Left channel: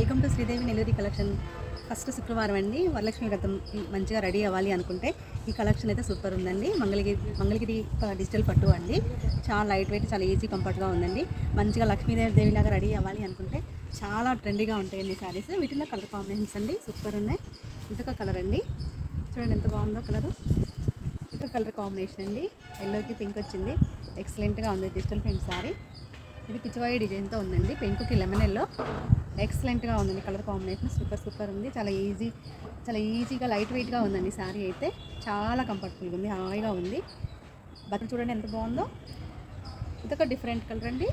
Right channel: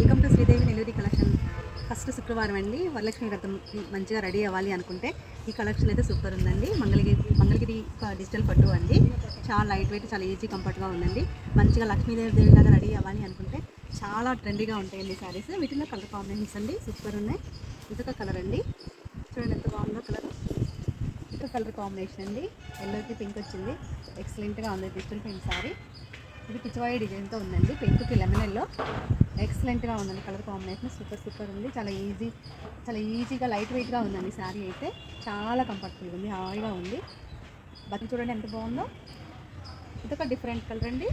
Welcome to Sridevi Nelluri collection. First శుక్రవారం అండి, వరలక్ష్మి వ్రతం మంచిగా రెడీ అవ్వాలి అనుకుంటే ఈ కలెక్షన్ అయితే సూపర్ ఉందండి. మంగళగిరి డిజిటల్ పట్టు అండి. చాలా లైట్ వెయిట్, చాలా ఈజీ కంఫర్ట్గా ఉందండి. మంచిగా లక్ష్మీదేవి లాగా రెడీ అవ్వాలి అనుకుంటే చాలా ట్రెండీగా ఉంటాయండి శారీస్. వీటిలో కలర్ కాంబినేషన్స్ అండి సూపర్ ఉన్నాయి. ఇదొక కలర్ అండి, చూడండి ఎంత బాగుందో కలర్. ఇదొక కలర్ కాంబినేషన్ అండి, ఎల్లోకి పింక్ వచ్చింది. ఎక్సలెంట్గా ఉంది డిజిటల్ ప్రింట్ శారీ. ఇది పిచ్చివాయి డిజైన్తో ఉందండి, పింక్కి లెమన్ ఎల్లో. ఎక్సలెంట్గా ఉందండి కలర్ కాంబినేషన్, సూపర్ ఉంది. చాలా ఈజీగా లైట్ వెయిట్గా ఉందండి శారీ అయితే. చాలా కంఫర్టబుల్గా ఉంది, హాయిగా ఉంది. బట్టలు చూడండి ఎంత బాగుందో. ఇదొక డిఫరెంట్ కలర్ అండి.